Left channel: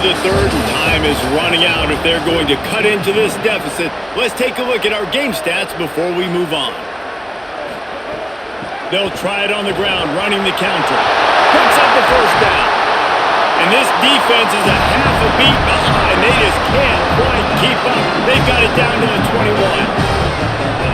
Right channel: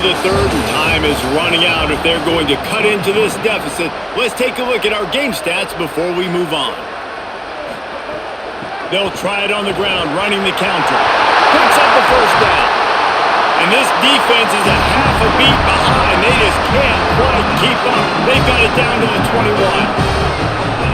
The third and time is running out if they're going to cut into this deficit. Let's take a look at our game stats before we move on. They'll try it on the ground, running the counter. Picks up the first down. And this defense is a half a beat behind. They just can't quite keep up. They've got it down to the 21.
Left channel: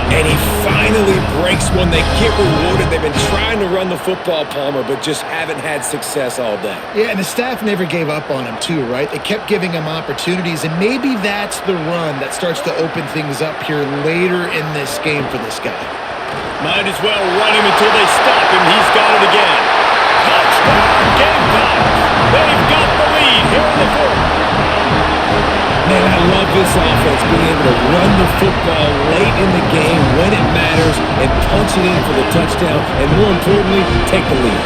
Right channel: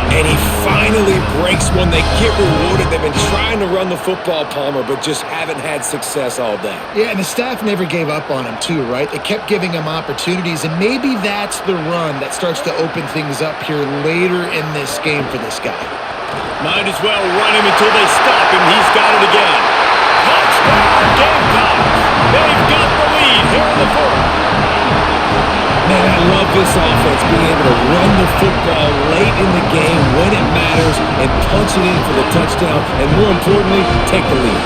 And he finally breaks one. They get rewarded. They've been trying to run the football, Palmer, but just haven't had success all day. Yeah, and the staff never gave up on him too, right? They kept giving him opportunities, and maybe that's the run that starts to open things up here later in this game for this guy. Might as well run him until they stop him. He's got it again. Touchdown, Gamecocks! They've got the lead here in the fourth. Man, I love this offense, being able to run the football late in the game when it matters and punch it in for the touchdown, and more importantly, take the lead.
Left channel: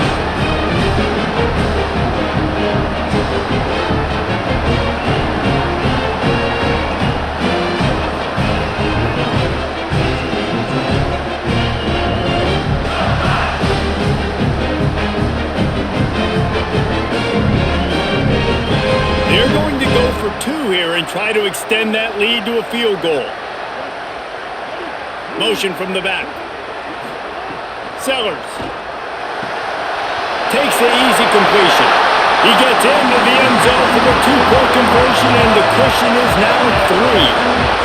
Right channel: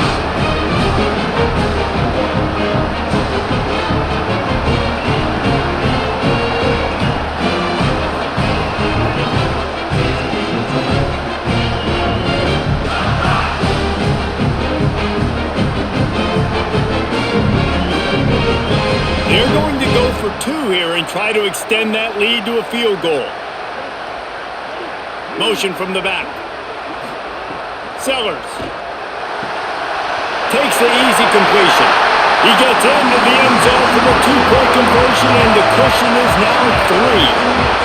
They're going to go for two here and try to extend that lead to a field goal. Motion from the back. Sellers takes the easy completion. He gets into the end zone for the two-point conversion, and the cushion is now 3.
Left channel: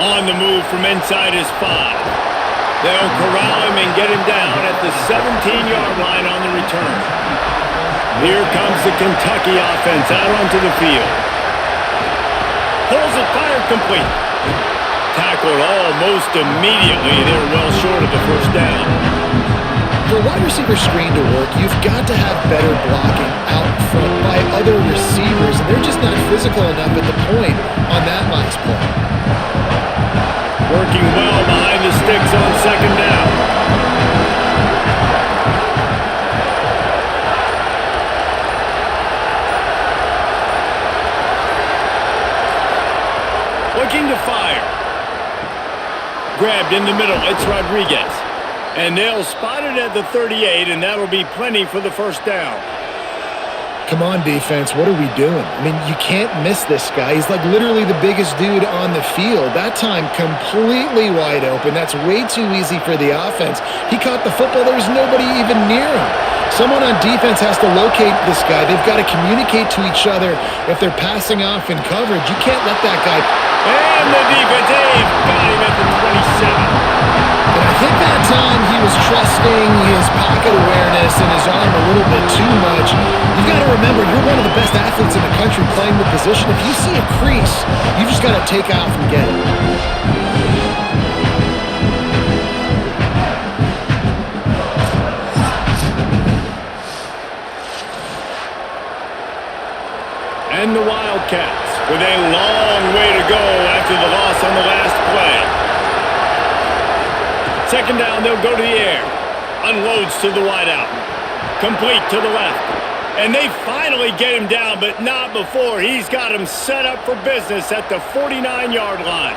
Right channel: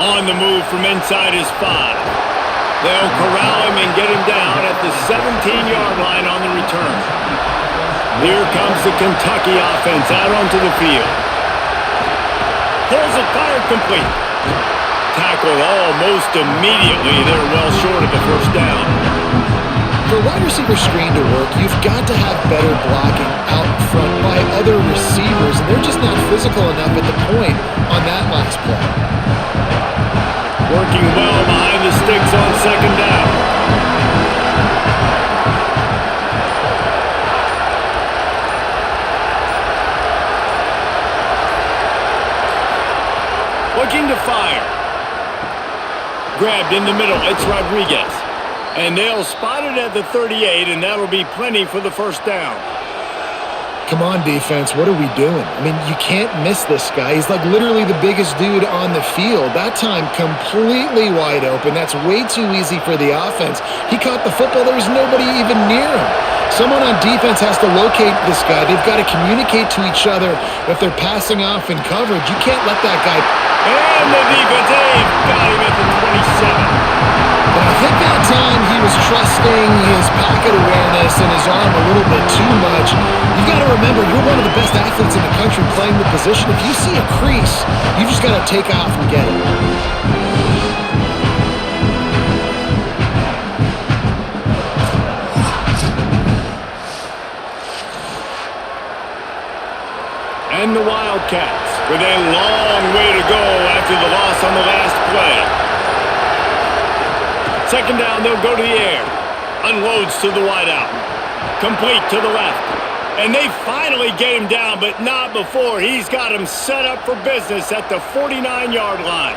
On the move from inside his 5. They'll corral him and get him down at the 17-yard line on the return. Here comes the Kentucky offense out onto the field. Pulls it, fired complete. Tackled almost immediately. They're well short of the first down. For a wide receiver screen to work, you've got to have better blocking out front by other receivers, and they're just not physical enough at the point on that last play. Working well behind the sticks on second down. Looking to fire. Grabbed in the middle. It's Rodriguez. And they'll spot it at the 38, and that'll be plenty for the first down. Come on, defense. What are we doing? I mean, you can't miss this guy. He's like literally the biggest dude on the field. That time completely wide open. That's way too easy for the offense. He caught the football. There was nobody even near him. Someone on defense has to locate this guy. They've got to communicate to each other if they're passing off in coverage. You can't let that guy. And the defense, they've got him at the 27. And I think that time he was trusting his pocket awareness and his arm a little bit too much. You've got to remember, you're one of the best athletes in the country playing the position. If you see a crease, you've just got to take off and get it. And the Wildcats with a long way to go after the loss on the last play. Second down, they'll go to the air. Unloads to the wideout. Complete to the left. And they finally get him down, but not before. He's got him set up for business at the 49-yard line.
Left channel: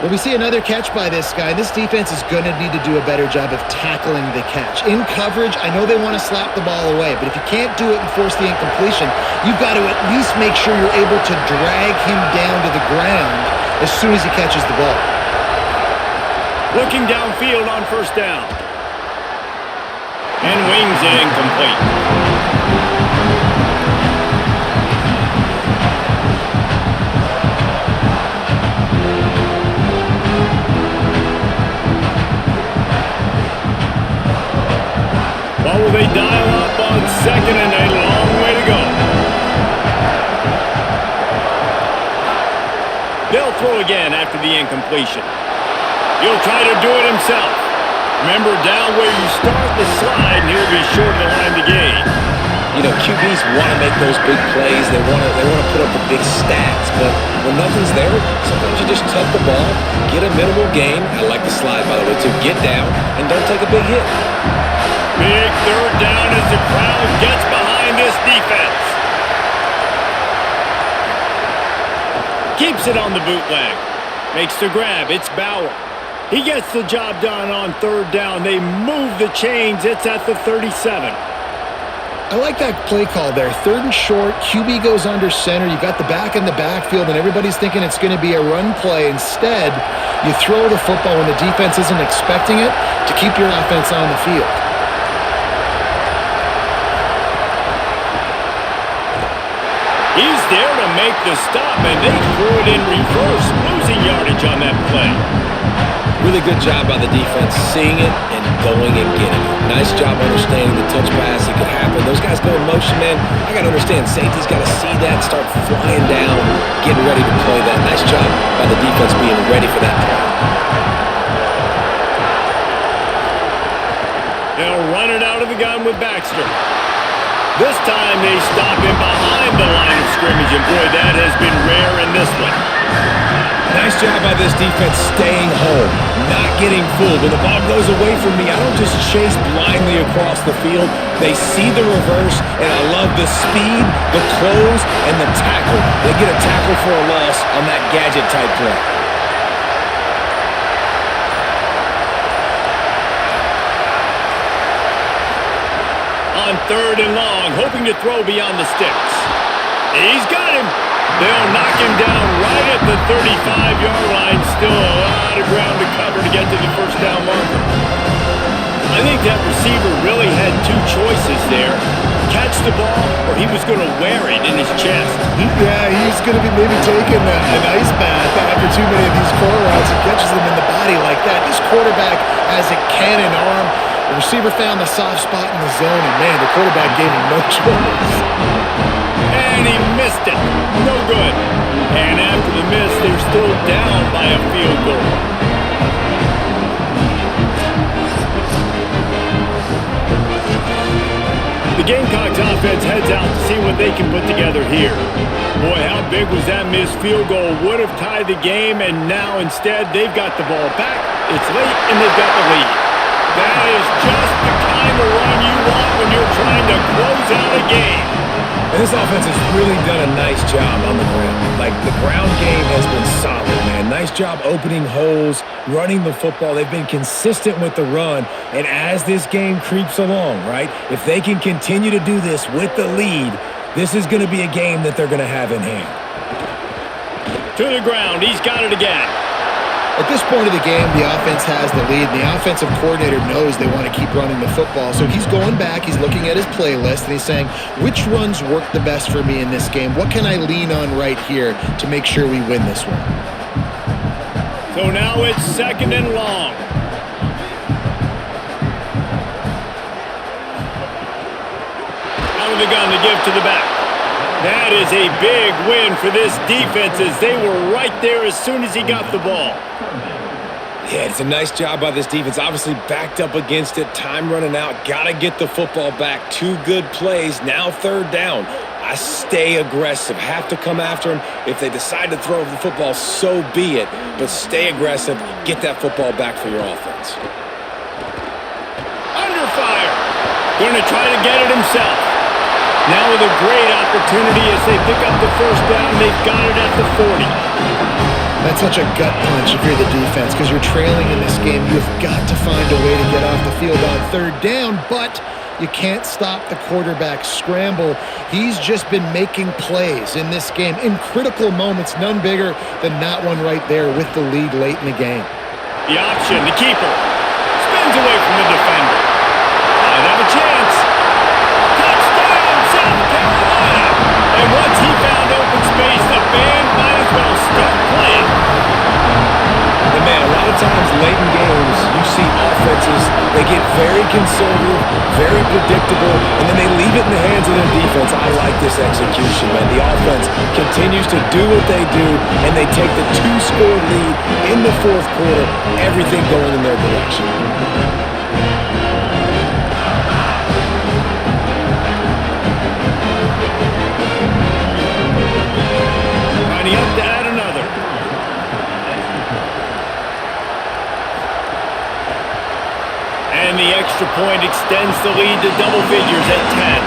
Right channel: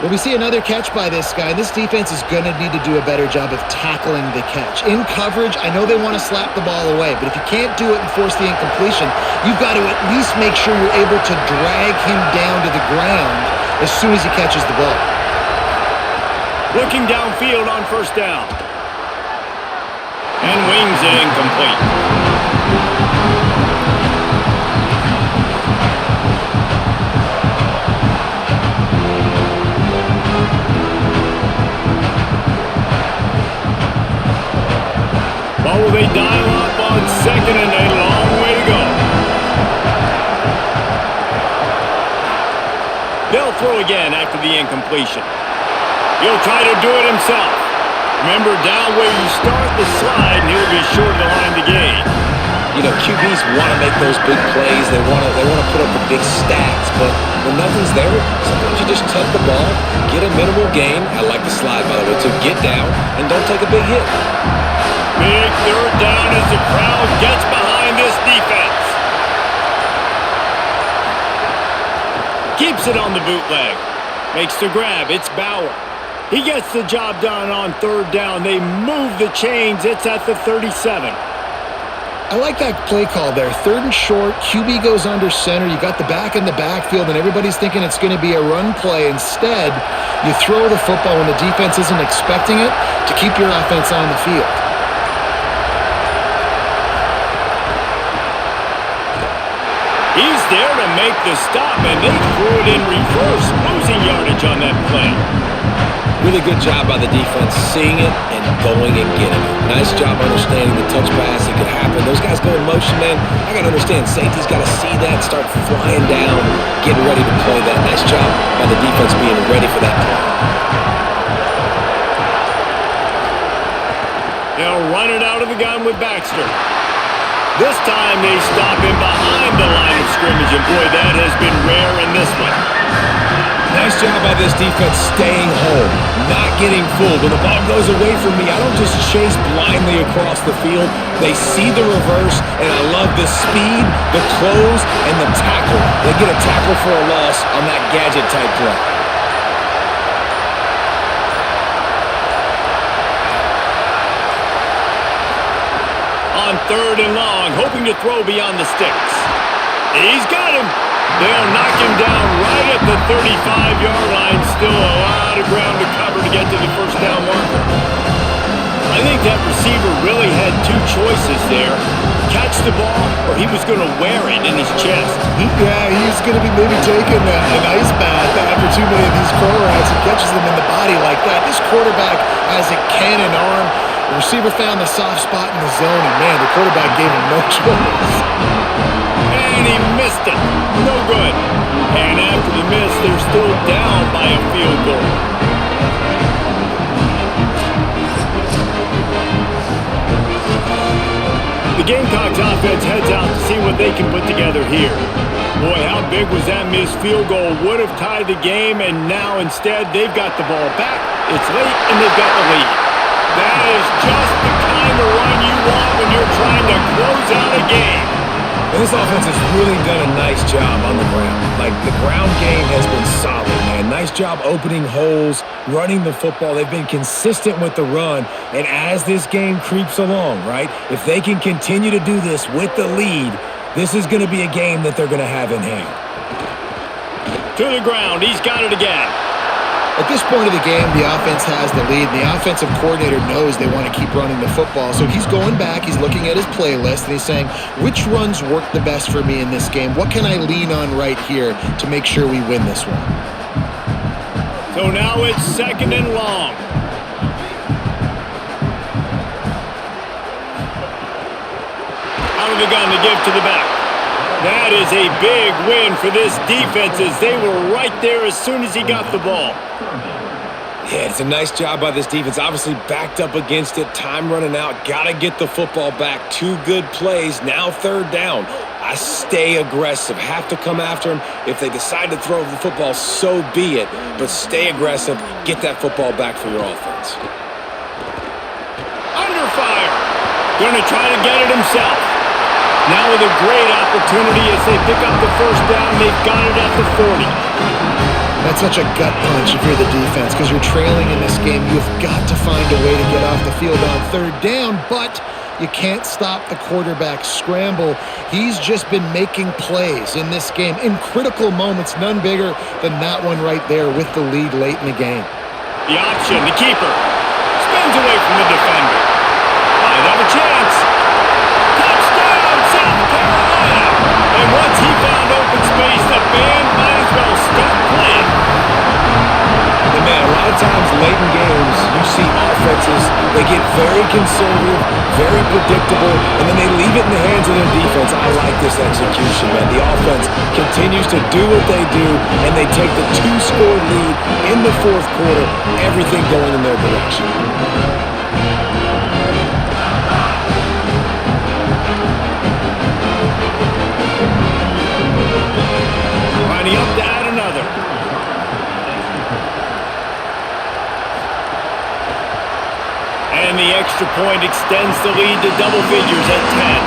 Well, we see another catch by this guy. This defense is going to need to do a better job of tackling the catch. In coverage, I know they want to slap the ball away, but if you can't do it and force the incompletion, you've got to at least make sure you're able to drag him down to the ground as soon as he catches the ball. Looking downfield on first down. And wings it incomplete. Well, will they dial up on second and a long way to go? They'll throw again after the incompletion. He'll try to do it himself. Remember, down where you start the slide, and he'll be short of the line to gain. You know, QBs want to make those big plays. They want to put up the big stats. But when nothing's there, sometimes you just tuck the ball, get a minimal gain. I like the slide, by the way, too. Get down and don't take a big hit. Big third down as the crowd gets behind this defense. Keeps it on the bootleg. Makes the grab. It's Bauer. He gets the job done on third down. They move the chains. It's at the 37. I like that play call there. Third and short, QB goes under center. You got the back in the backfield, and everybody's thinking it's going to be a run play. Instead, you throw the football when the defense isn't expecting it to keep your offense on the field. He's there to make the stop, and they threw it in reverse, losing yardage on that play. Really good job by the defense, seeing it and going and getting it. Nice job understanding the touch pass. It could happen. Those guys go in motion, man. I got to understand. Safety's got to see that, start flying down, getting ready to play that. Nice job by the defense being ready for that play. They'll run it out of the gun with Baxter. This time they stop him behind the line of scrimmage, and boy, that has been rare in this one. Nice job by this defense staying home, not getting fooled. When the ball goes away from me, I don't just chase blindly across the field. They see the reverse, and I love the speed, the close, and the tackle. They get a tackle for a loss on that gadget-type play. On third and long, hoping to throw beyond the sticks. He's got him. They'll knock him down right at the 35-yard line. Still a lot of ground to cover to get to the first down marker. I think that receiver really had two choices there. Catch the ball, or he was going to wear it in his chest. Yeah, he was going to be maybe taking an ice bath after too many of these curl routes and catches them in the body like that. This quarterback has a cannon arm. The receiver found the soft spot in the zone, and man, the quarterback gave him no choice. And he missed it. No good. And after the miss, they're still down by a field goal. The Gamecocks offense heads out to see what they can put together here. Boy, how big was that missed field goal? Would have tied the game, and now instead they've got the ball back. It's late, and they've got the lead. That is just the kind of run you want when you're trying to close out a game. And this offense has really done a nice job on the ground. Like, the ground game has been solid, man. Nice job opening holes, running the football. They've been consistent with the run. And as this game creeps along, right, if they can continue to do this with the lead, this is going to be a game that they're going to have in hand. To the ground. He's got it again. At this point of the game, the offense has the lead, and the offensive coordinator knows they want to keep running the football. So he's going back, he's looking at his playlist, and he's saying, which runs work the best for me in this game? What can I lean on right here to make sure we win this one? So now it's second and long. Out of the gun to give to the back. That is a big win for this defense as they were right there as soon as he got the ball. Yeah, it's a nice job by this defense. Obviously backed up against it, time running out, got to get the football back. Two good plays, now third down. I stay aggressive, have to come after him. If they decide to throw the football, so be it. But stay aggressive, get that football back for your offense. Under fire. Going to try to get it himself. Now with a great opportunity as they pick up the first down, they've got it at the 40. That's such a gut punch if you're the defense because you're trailing in this game. You've got to find a way to get off the field on third down, but you can't stop the quarterback scramble. He's just been making plays in this game in critical moments, none bigger than that one right there with the lead late in the game. The option, the keeper, spins away from the defender. Might have a chance. Touchdown, South Carolina! And once he found open space, the band might as well start playing. And man, a lot of times late in games, you see offenses, they get very conservative, very predictable, and then they leave it in the hands of their defense. I like this execution, man. The offense continues to do what they do, and they take the two-score lead in the fourth quarter, everything going in their direction. Lining up to add another. And And the extra point extends the lead to double figures at 10.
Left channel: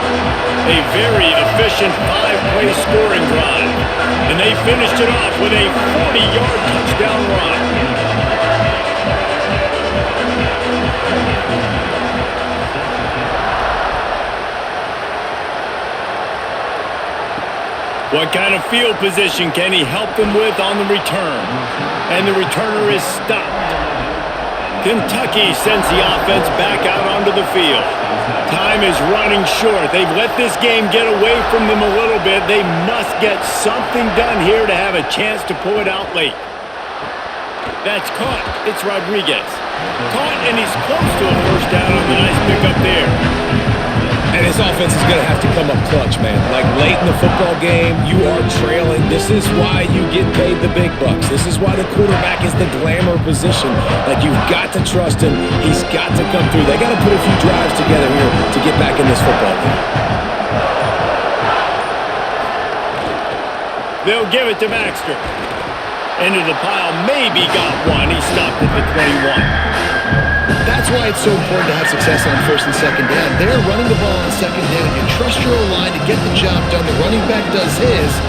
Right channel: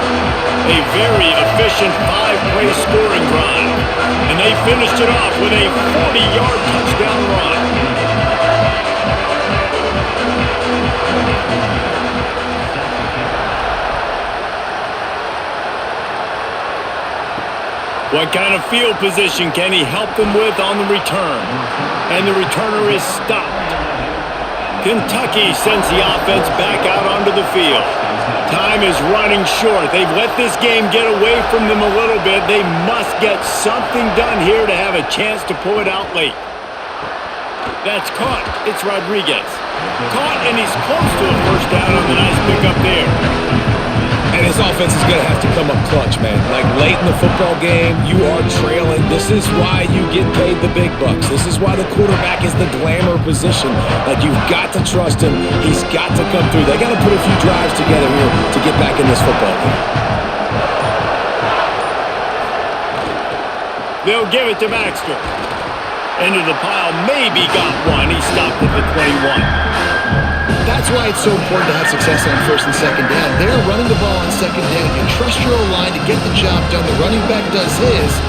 A very efficient 5-play scoring drive. And they finished it off with a 40-yard touchdown run. What kind of field position can he help them with on the return? And the returner is stopped. Kentucky sends the offense back out onto the field. Time is running short. They've let this game get away from them a little bit. They must get something done here to have a chance to pull it out late. That's caught. It's Rodriguez. Caught, and he's close to a first down on the nice pickup there. And this offense is going to have to come up clutch, man. Like late in the football game, you are trailing. This is why you get paid the big bucks. This is why the quarterback is the glamour position. Like, you've got to trust him. He's got to come through. They got to put a few drives together here to get back in this football game. They'll give it to Baxter. Into the pile, maybe got one. He stopped at the 21. That's why it's so important to have success on first and second down. They're running the ball on second down. You trust your O-line to get the job done. The running back does his.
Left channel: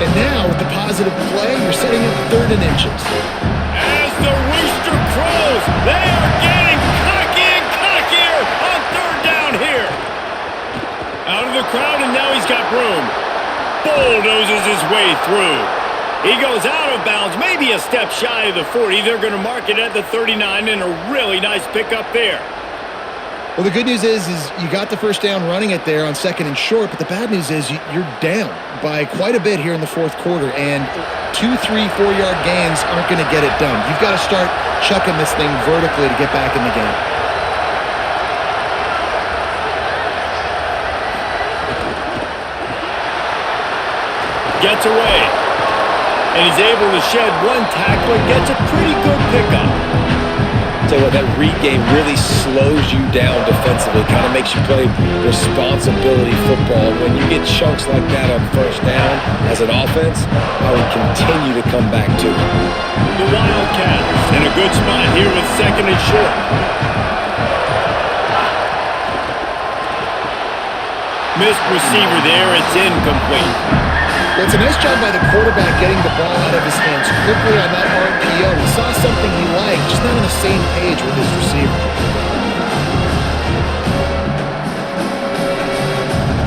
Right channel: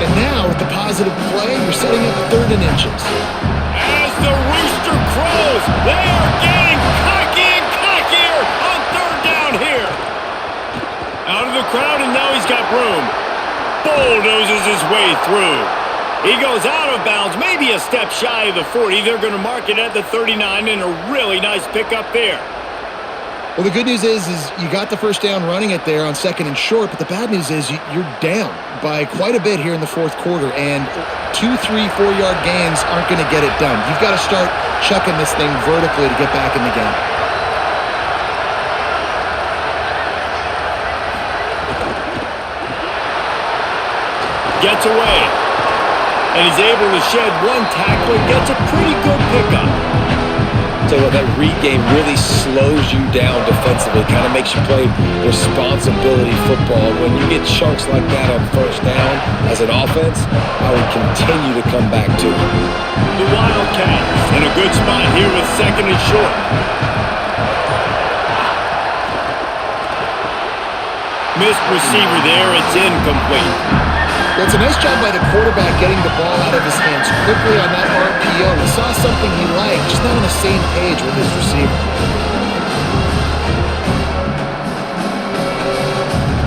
And now, with the positive play, you're setting up third and inches. As the rooster crows, they are getting cocky and cockier on third down here. Out of the crowd, and now he's got room. Bulldozes his way through. He goes out of bounds, maybe a step shy of the 40. They're going to mark it at the 39, and a really nice pickup there. Well, the good news is you got the first down running it there on second and short, but the bad news is you're down by quite a bit here in the fourth quarter, and 2, 3, 4-yard gains aren't going to get it done. You've got to start chucking this thing vertically to get back in the game. Gets away. And he's able to shed one tackle and gets a pretty good pickup. Tell you what, that read game really slows you down defensively, kind of makes you play responsibility football. And when you get chunks like that on first down as an offense, I would continue to come back to it. The Wildcats in a good spot here with second and short. Missed receiver there, it's incomplete. Well, it's a nice job by the quarterback getting the ball out of his hands quickly on that RPO. He saw something he liked, just not on the same page with his receiver.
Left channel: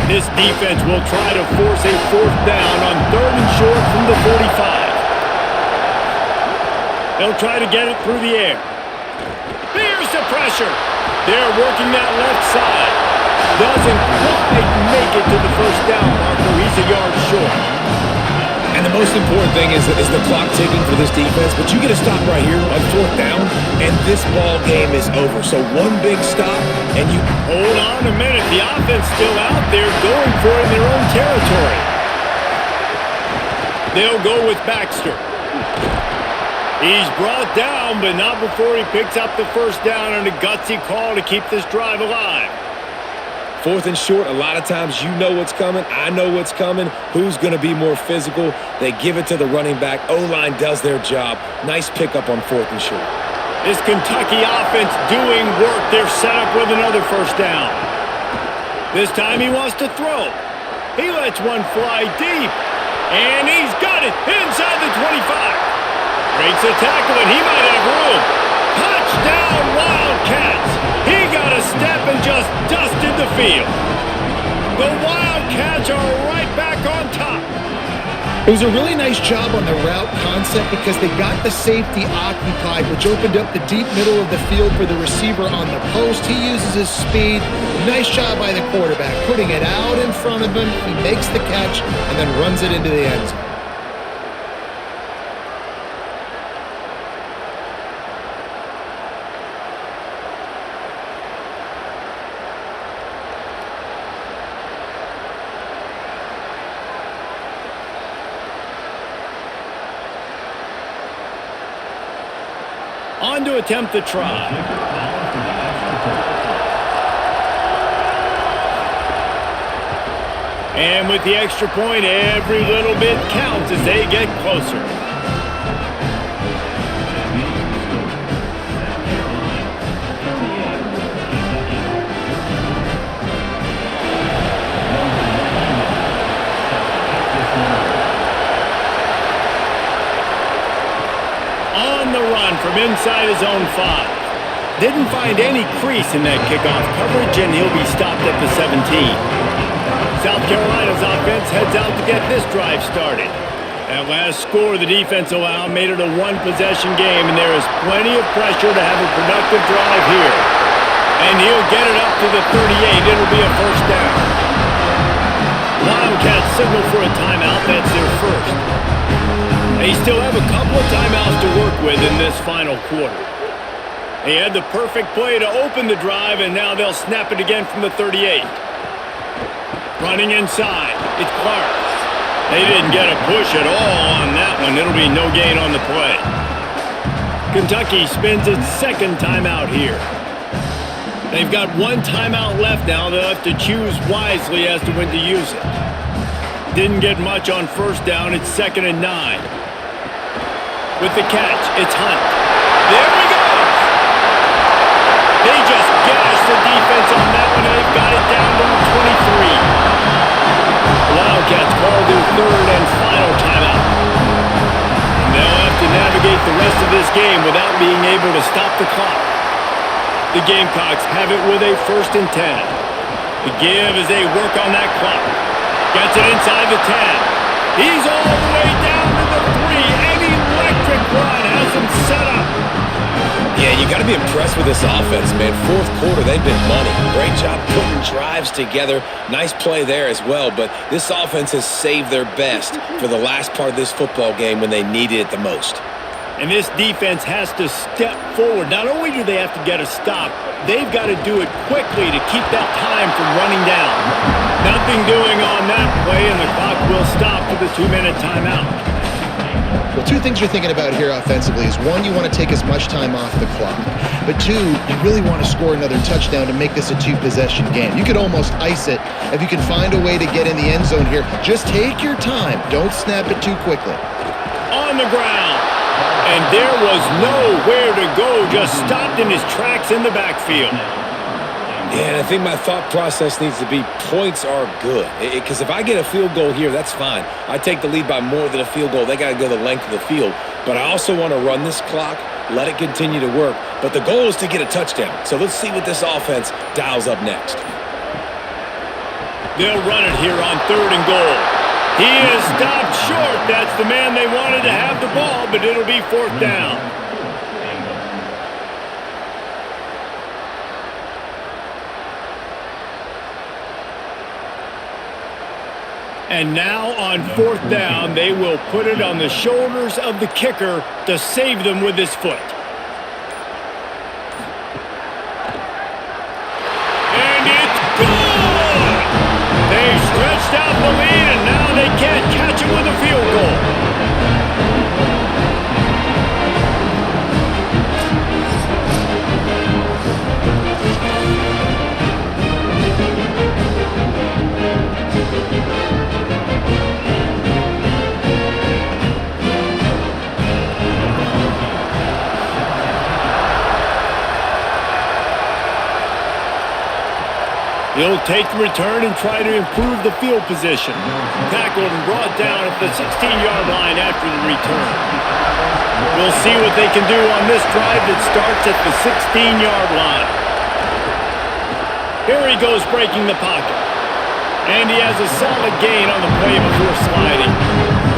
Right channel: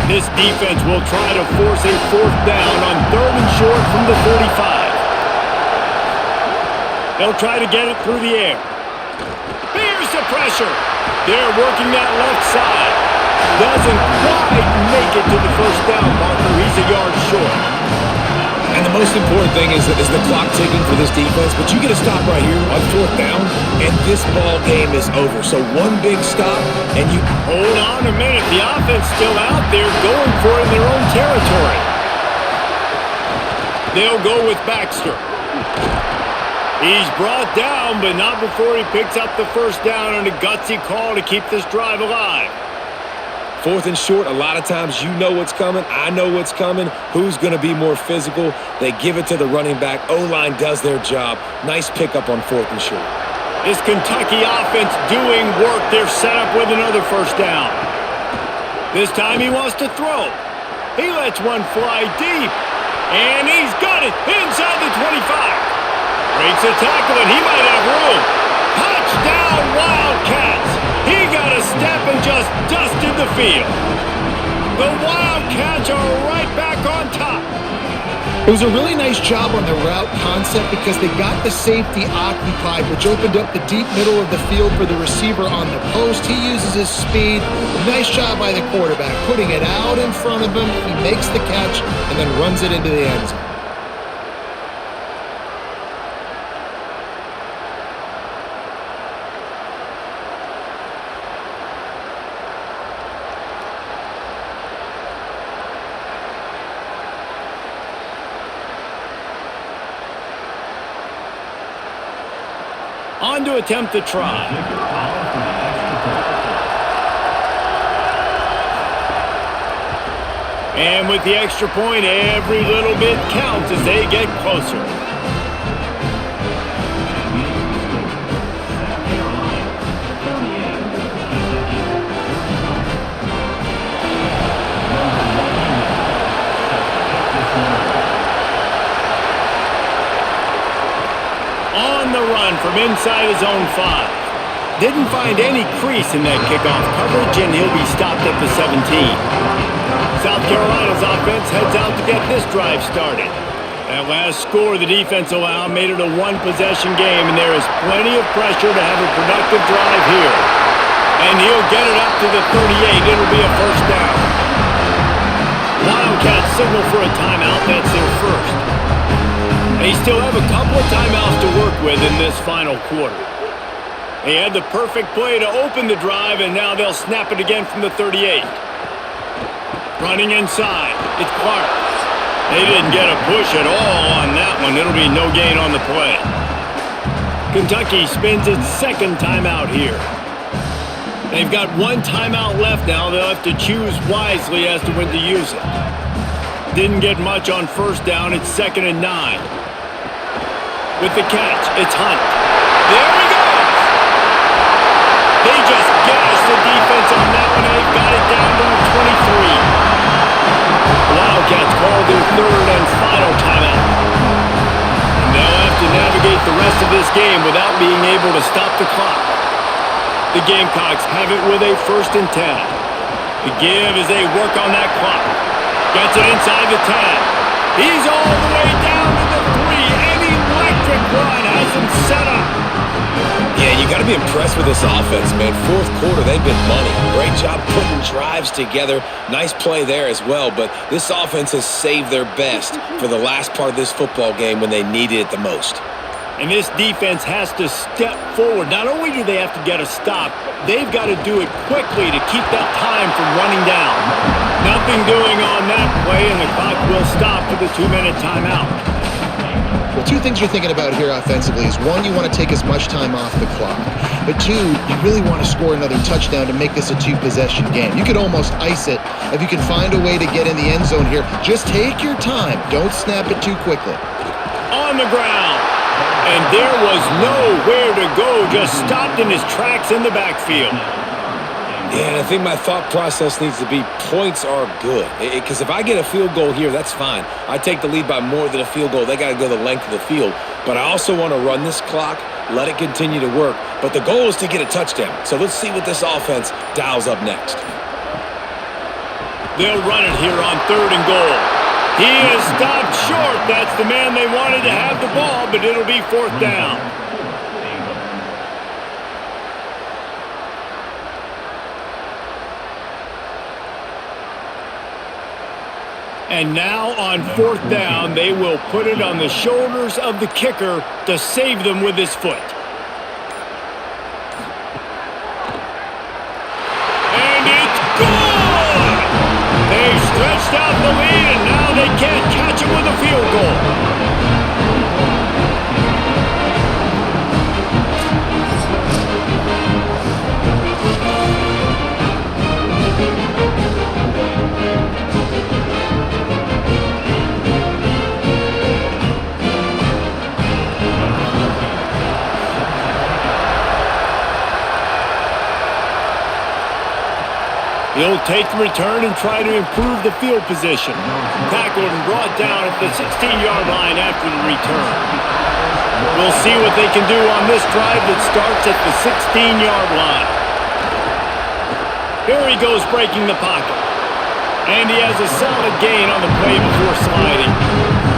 This defense will try to force a fourth down on third and short from the 45. They'll try to get it through the air. Here's the pressure. They're working that left side. Doesn't quite make it to the first down marker. He's a yard short. And the most important thing is the clock ticking for this defense, but you get a stop right here on fourth down, and this ball game is over. So one big stop, and you... Hold on a minute. The offense still out there going for it in their own territory. They'll go with Baxter. He's brought down, but not before he picks up the first down on a gutsy call to keep this drive alive. Fourth and short, a lot of times you know what's coming. I know what's coming. Who's going to be more physical? They give it to the running back. O-line does their job. Nice pickup on fourth and short. This Kentucky offense doing work. They're set up with another first down. This time he wants to throw. He lets one fly deep. And he's got it inside the 25. Breaks a tackle, and he might have room. Touchdown, Wildcats. He got a step and just dusted the field. The Wildcats are right back on top. It was a really nice job on the route concept because they got the safety occupied, which opened up the deep middle of the field for the receiver on the post. He uses his speed. Nice job by the quarterback, putting it out in front of him. He makes the catch and then runs it into the end zone. On to attempt the try. And with the extra point, every little bit counts as they get closer. On the run from inside his own 5. Didn't find any crease in that kickoff coverage, and he'll be stopped at the 17. South Carolina's offense heads out to get this drive started. That last score the defense allowed made it a one-possession game, and there is plenty of pressure to have a productive drive here. And he'll get it up to the 38. It'll be a first down. Wildcats signal for a timeout. That's their first. They still have a couple of timeouts to work with in this final quarter. They had the perfect play to open the drive, and now they'll snap it again from the 38. Running inside, it's Clark. They didn't get a push at all on that one. It'll be no gain on the play. Kentucky spends its second timeout here. They've got one timeout left now. They'll have to choose wisely as to when to use it. Didn't get much on first down. It's 2nd and 9. With the catch, it's Hunt. There he goes! They just gashed the defense on that one, and they've got it down to the 23. The Wildcats call their third and final timeout. And they'll have to navigate the rest of this game without being able to stop the clock. The Gamecocks have it with a 1st and 10. The give as they work on that clock. Gets it inside the 10. He's all the way down to the 3. An electric run has them set up. Yeah, you got to be impressed with this offense, man. Fourth quarter, they've been money. Great job putting drives together. Nice play there as well, but this offense has saved their best for the last part of this football game when they needed it the most. And this defense has to step forward. Not only do they have to get a stop, they've got to do it quickly to keep that time from running down. Nothing doing on that play, and the clock will stop for the 2-minute timeout. Well, two things you're thinking about here offensively is, one, you want to take as much time off the clock. But two, you really want to score another touchdown to make this a two-possession game. You could almost ice it if you can find a way to get in the end zone here. Just take your time. Don't snap it too quickly. On the ground. And there was nowhere to go. Just stopped in his tracks in the backfield. Yeah, and I think my thought process needs to be points are good. Because if I get a field goal here, that's fine. I take the lead by more than a field goal. They got to go the length of the field. But I also want to run this clock, let it continue to work. But the goal is to get a touchdown. So let's see what this offense dials up next. They'll run it here on 3rd and goal. He is stopped short. That's the man they wanted to have the ball, but it'll be 4th down. And now on 4th down, they will put it on the shoulders of the kicker to save them with his foot. And it's good! They've stretched out the lead, and now they can't catch him with a field goal. He'll take the return and try to improve the field position. Tackled and brought down at the 16-yard line after the return. We'll see what they can do on this drive that starts at the 16-yard line. Here he goes breaking the pocket. And he has a solid gain on the play before sliding.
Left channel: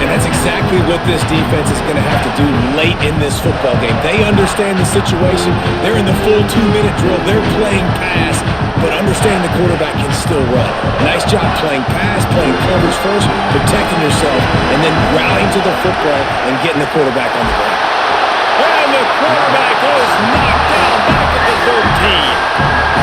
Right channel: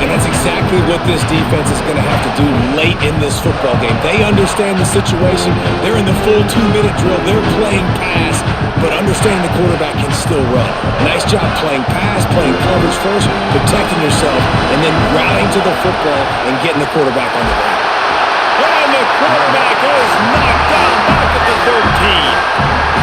And that's exactly what this defense is going to have to do late in this football game. They understand the situation. They're in the full 2-minute drill. They're playing pass, but understanding the quarterback can still run. Nice job playing pass, playing coverage first, protecting yourself, and then rallying to the football and getting the quarterback on the ground. And the quarterback is knocked down back at the 13.